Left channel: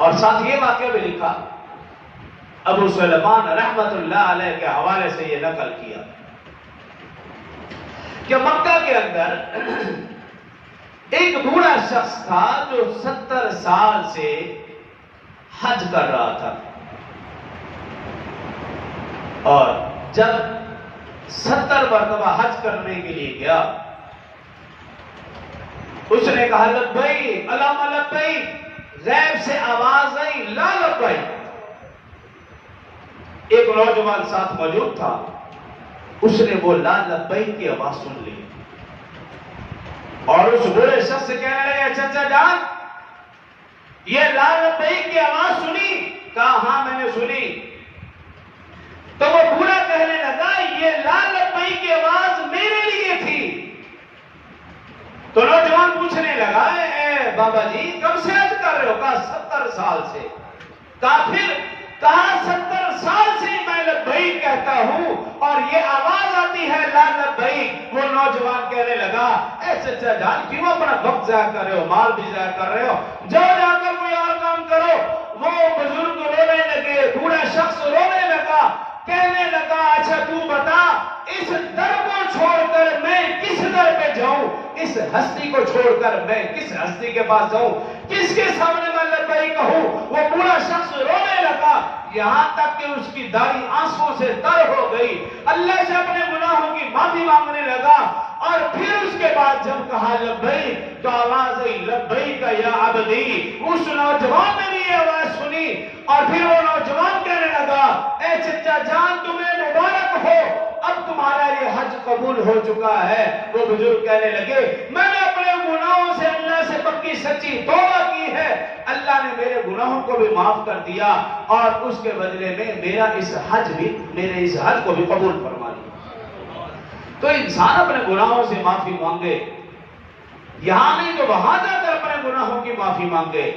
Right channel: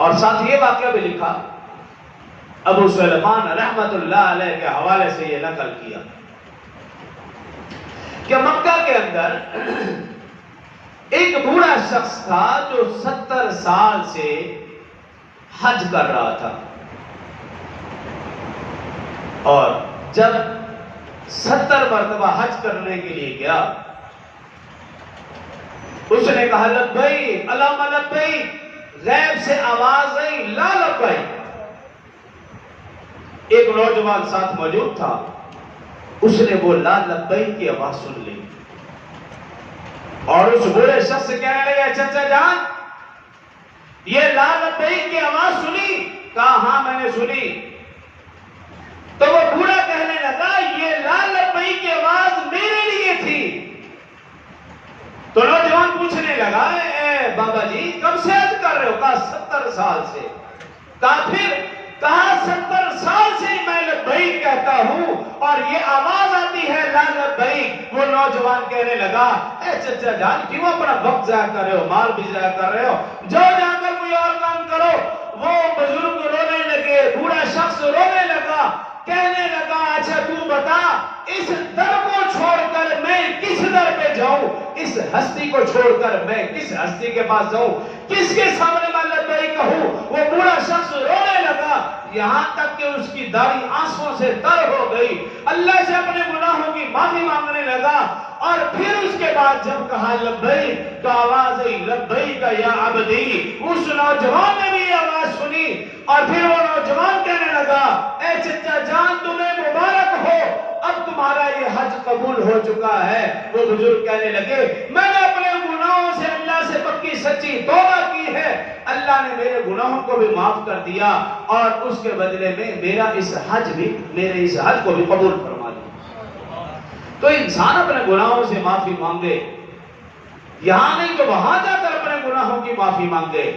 اور ساتھ یہ واقعہ بھی لکھا، ابو سلیمان رحمت اللہ علیہ کے حوالے سے یہ نقل کیا کہ مکہ کے اندر ایک بوڑھا شخص تھا جو 70 سال سے حج کر رہا تھا، اور جب 70 مرتبہ حج کرنے کے لیے گیا، اس نے کہا لبیک اللہم لبیک، غیب سے آواز آئی لا لبیک۔ ایک نوجوان ساتھ موجود تھا، اس نے وہ لا لبیک کی آواز سن لی اور اس بوڑھے شخص سے کہنے لگے چچا جان یہ لا لبیک کی آواز سنی؟ کہا ہاں میں نے سنی۔ تو وہ بوڑھا کہنے لگا یہ لا لبیک کی آواز میرے لیے تھی۔ تو نوجوان پوچھنے لگا اے بابا جی کب سے حج کر رہے ہو؟ کہا 70 سال سے۔ کہا 70 سال سے میں لبیک کہتا ہوں اور یہ آواز آتی ہے لا لبیک۔ وہ نوجوان کہنے لگا اے چچا جان کیوں اپنا وقت ضائع کر رہے ہو، مال بھی ضائع کر رہے ہو، جاؤ جا کر کوئی اور کام کرو۔ وہ بزرگ رونے لگے، بوڑھا شخص رونے لگا، کہنے لگا اچھا تو بتا اس در کو چھوڑ کر میں کس در پہ جاؤں، اس ہستی کو چھوڑ کر میں کس ہستی کے پاس جاؤں، کس کے سامنے میں لبیک کہوں؟ وہ بوڑھا شخص رونے لگا، یہاں تک کہ اس کی داڑھی آنسوں سے تر ہو گئی، اللہ سے اپنے گناہوں کی معافی مانگنے لگا۔ اور پھر اس کے بعد جب کہا لبیک تو آواز آئی لبیک یا عبدی۔ اس نوجوان نے بھی یہ آواز سنی اور پھر وہ نوجوان کہنے لگا اے چچا جان تمہیں مبارک ہو، اب تمہارا یہ حج قبول ہو چکا ہے۔ وہ بزرگ کہنے لگے میں نے اپنے گناہوں سے اللہ سے پکی سچی توبہ کی ہے، اللہ نے میرے گناہوں کو بھی معاف کر دیا اور اس کے بدلے میں میرے اس حج کو بھی قبول فرما دیا۔ تو انسان اپنے گناہوں سے معافی مانگے، یہاں نہیں تو وہاں جا کر اپنے گناہوں کی معافی مانگے۔